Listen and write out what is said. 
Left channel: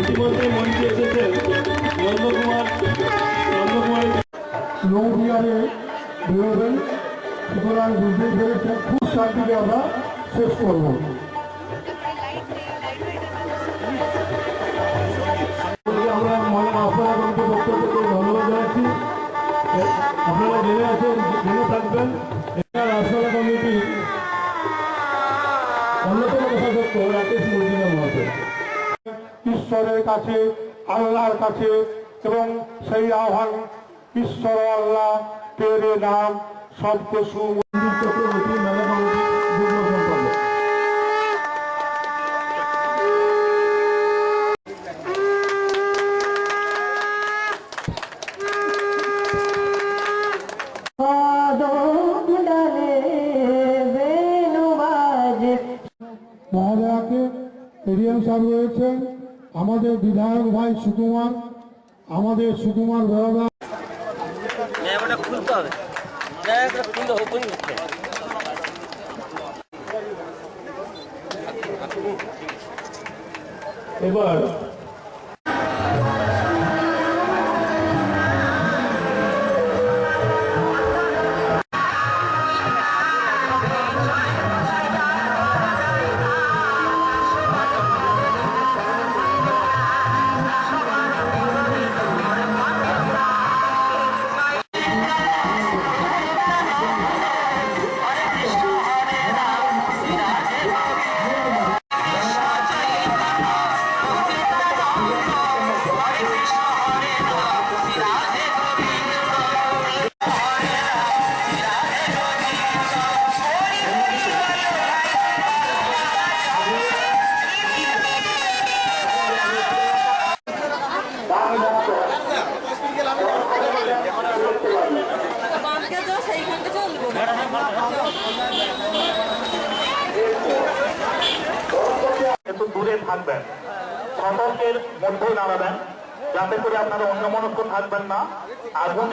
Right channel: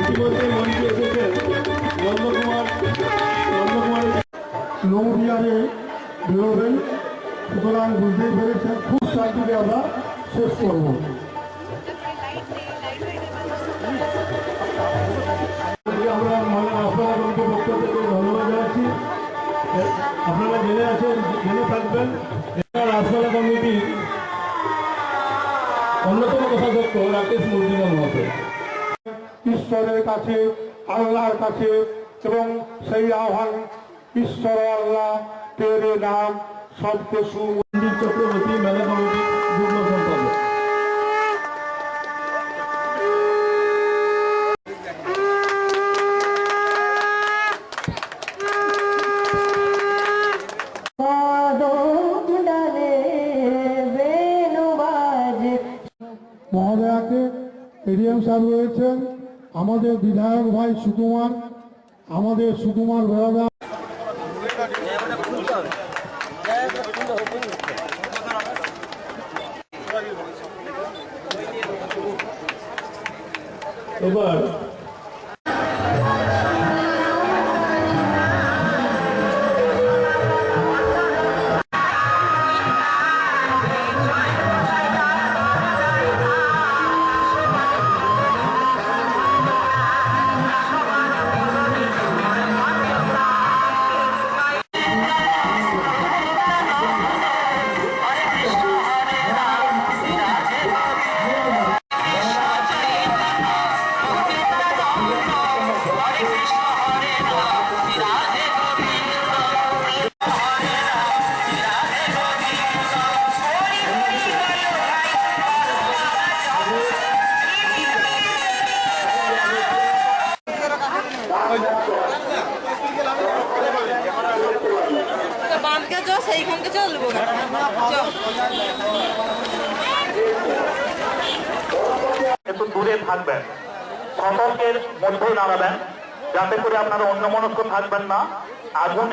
ইতিমধ্যে মঞ্চে এসেছেন নৌবিহারে বেরোবেন, সুতরাং বুঝতেই পেরেছেন খুব শান্তিতে আমরা শেষ করব। আমরা আপনাদের পক্ষ থেকে ধন্যবাদ জানাচ্ছি। আপনারা জেনে থাকবেন রাজশালা কমিটির অন্যতম কোষাধ্যক্ষ রাকেশ মজুমদার মহাশয় ঈশ্বরের কাছে, আল্লাহর কাছে, এবং সেই আহ্বান ঈশ্বর আল্লাহ তেরে নাম শব্দ সুমন্দির চক্রবর্তী মেলা কমিটির যুগ্ম সম্পাদক। মহোদয়াকে এডিএম সাহেব রয়েছেন, আমাদের বিধায়ক ভাই সুকুমার, আমাদের সুকুমার বেড়াদা। এবার একটু দূরে থাকবেন, সতর্কের মধ্যে দাঁড়াবেন, যাতে করে আপনারা অন্যমনস্ক থাকবেন না। আগুন